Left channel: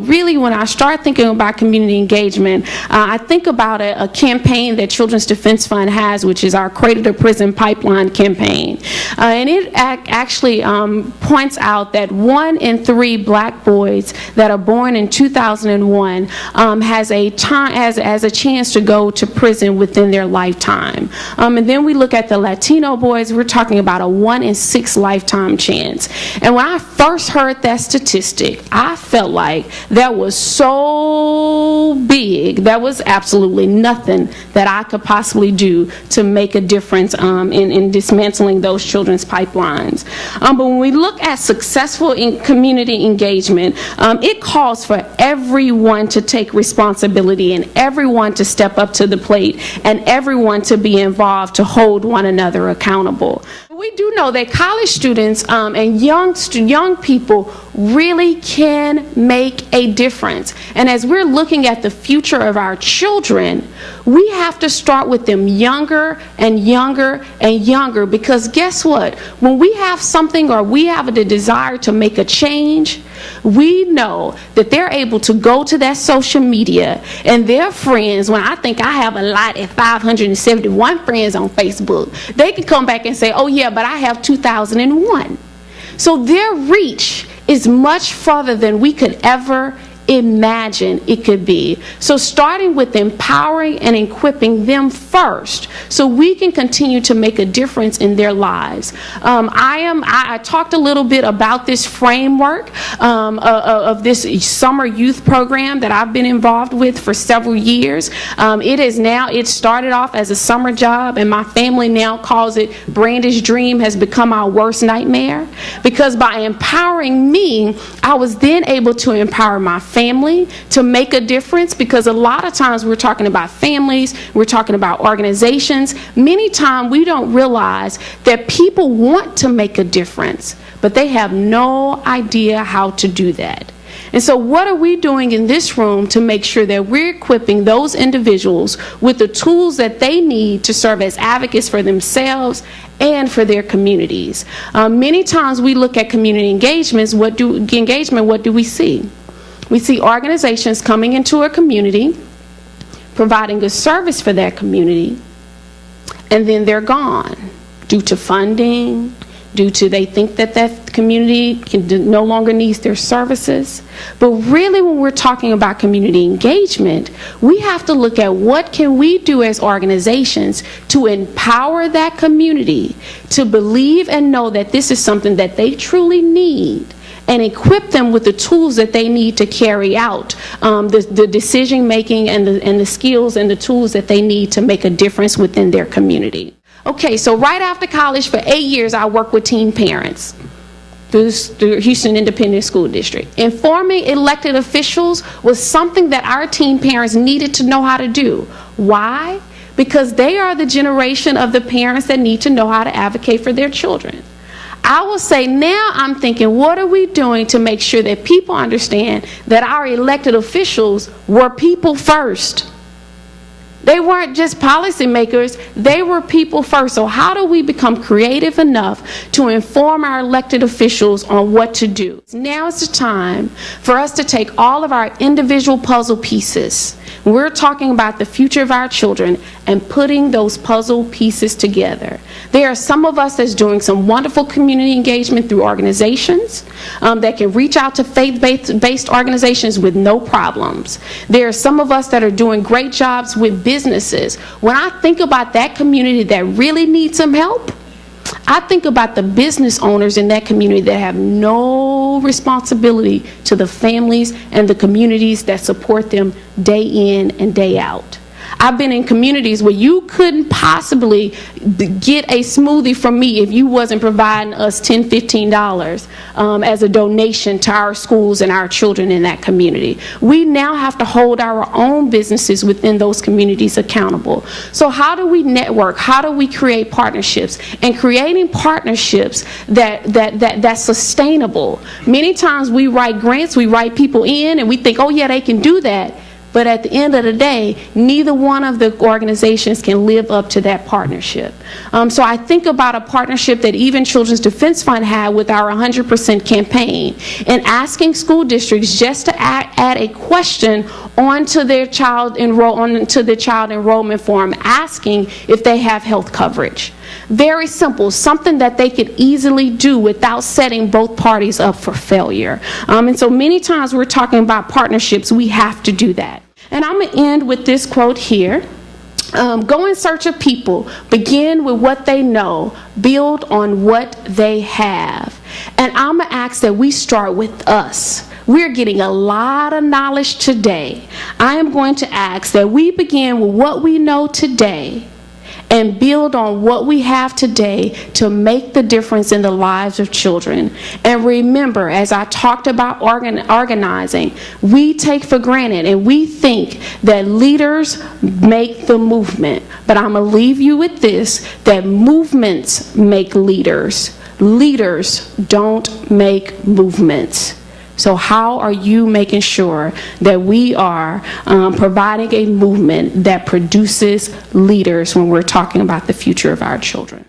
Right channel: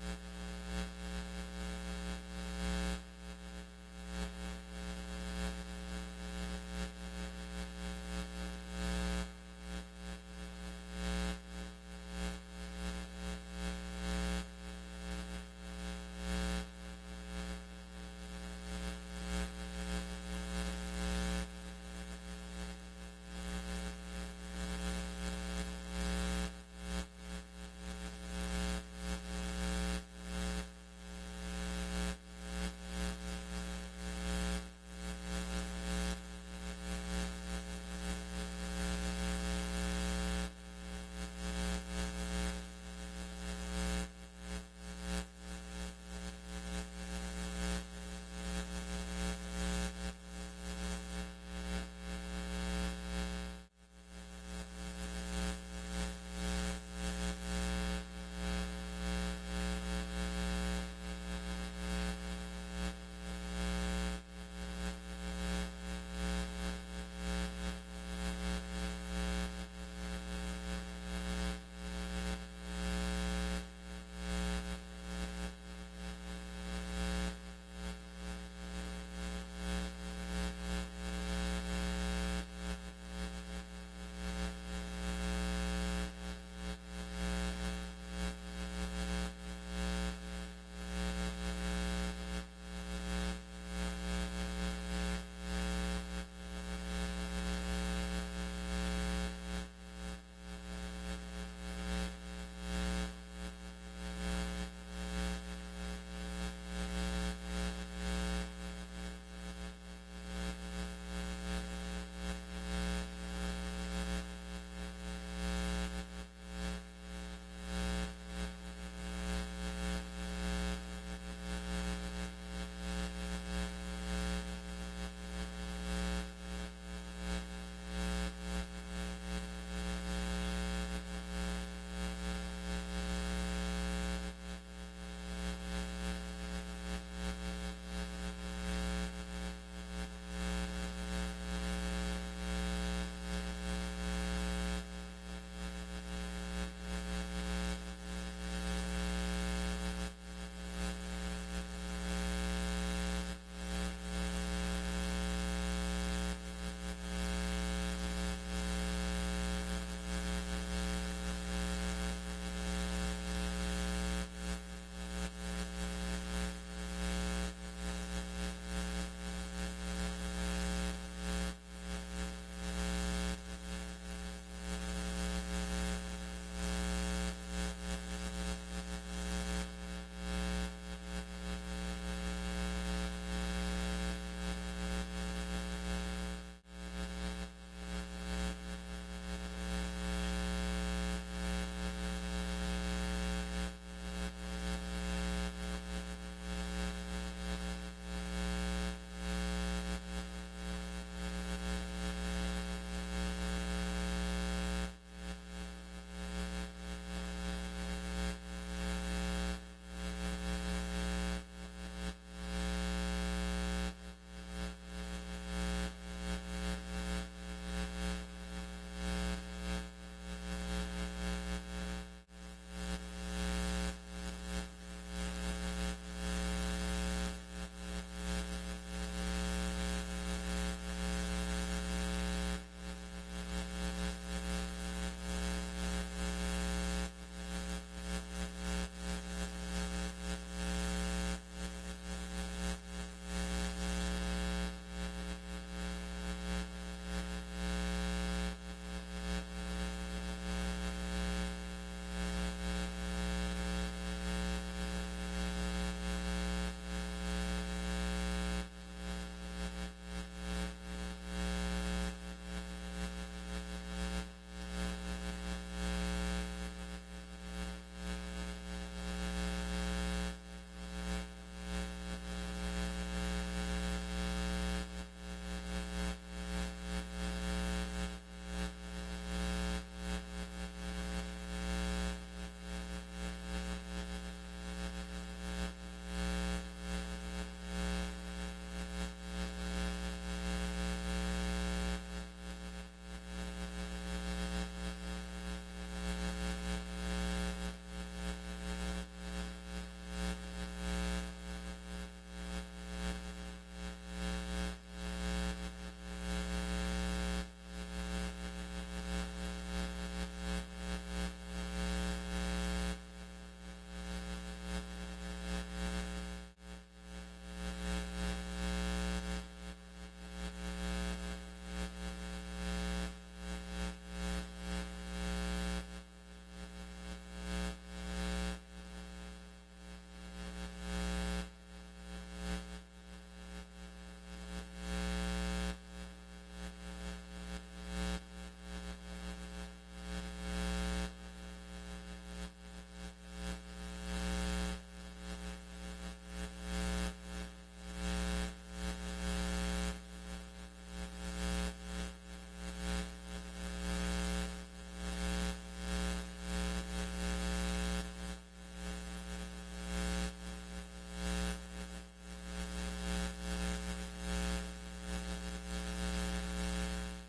Really, when I start thinking about community engagement, I think about a campaign that Children's Defense Fund has, which is our Cradle to Prison Pipeline campaign. And it actually points out that 1 in 3 black boys that are born in 2001 has a chance to go to prison within their lifetime. And then we look at the Latino boys, we're talking about a 1 in 6 lifetime chance. And when I first heard that statistic, I felt like that was so big, that was absolutely nothing that I could possibly do to make a difference in dismantling those children's pipelines. But when we look at successful community engagement, it calls for everyone to take responsibility and everyone to step up to the plate and everyone to be involved to hold one another accountable. We do know that college students and young people really can make a difference. And as we're looking at the future of our children, we have to start with them younger and younger and younger, because guess what? When we have something or we have the desire to make a change, we know that they're able to go to that social media and their friends, when I think I have a lot at 571 friends on Facebook, they can come back and say, oh yeah, but I have 2001. So their reach is much further than we could ever imagine it could be. So starting with empowering and equipping them first so we can continue to make a difference in their lives. I talked a little bit about this framework of this summer youth program that I've been involved with for several years. It started off as a summer job, and my family now calls it Brandi's dream has become our worst nightmare, because by empowering me, I was then able to empower my family to make a difference, because a lot of times we're talking about families, we're talking about organizations. Many times we don't realize that people want to make a difference, but they have no idea how to do that. And so what are we doing in this room to make sure that we're equipping those individuals with the tools that they need to serve as advocates for themselves and for their communities? Many times we look at community engagements. What do we see? We see organizations coming into a community, providing a service for that community, and then they're gone due to funding, due to they think that that community no longer needs their services. But really, when we're talking about community engagement, we have to look at what can we do as organizations to empower that community to believe and know that this is something that they truly need, and equip them with the tools that they need to carry out the decision making and the skills and the tools that they need to make a difference within their community. Okay, so right after college for 8 years, I worked with teen parents through the Houston Independent School District. Informing elected officials was something that our teen parents needed to know how to do. Why? Because they are the generation of the parents that need to know how to advocate for their children. I will say now I'm thinking, what are we doing to make sure that people understand that our elected officials were people first? They weren't just policymakers, they were people first. So how do we become creative enough to inform our elected officials on what to do? Now is the time for us to take all of our individual puzzle pieces. We're talking about the future of our children and putting those puzzle pieces together. There are some of us that's doing some wonderful community engagement through organizations that can reach out to faith-based organizations with no problems. There are some of us that are doing great jobs with businesses. When I think about that community that really needs some help, I think about the business owners in that community that have no responsibility to the families and the communities that support them day in and day out. I've been in communities where you couldn't possibly get a smoothie from me if you wasn't providing us $10, $15 as a donation to our schools and our children in that community. We now have to hold our own businesses within those communities accountable. So how do we network? How do we create partnerships? And creating partnerships that's sustainable. Many times we write grants, we write people in, and we think, oh yeah, they can do that. but at the end of the day, neither one of the organizations can live up to that partnership. So I think about a partnership that even Children's Defense Fund had with our 100% campaign, and asking school districts just to add a question onto their child enrollment form, asking if they have health coverage. Very simple, something that they could easily do without setting both parties up for failure. And so many times we're talking about partnerships, we have to do that. And I'm going to end with this quote here. Go in search of people, begin with what they know, build on what they have. And I'm going to ask that we start with us. We're getting a lot of knowledge today. I am going to ask that we begin with what we know today and build on what we have today to make the difference in the lives of children. And remember, as I talked about organizing, we take for granted and we think that leaders make the movement. But I'm going to leave you with this, that movements make leaders. Leaders don't make movements. So how are you making sure that we are providing a movement that produces leaders when we're talking about the future of our children?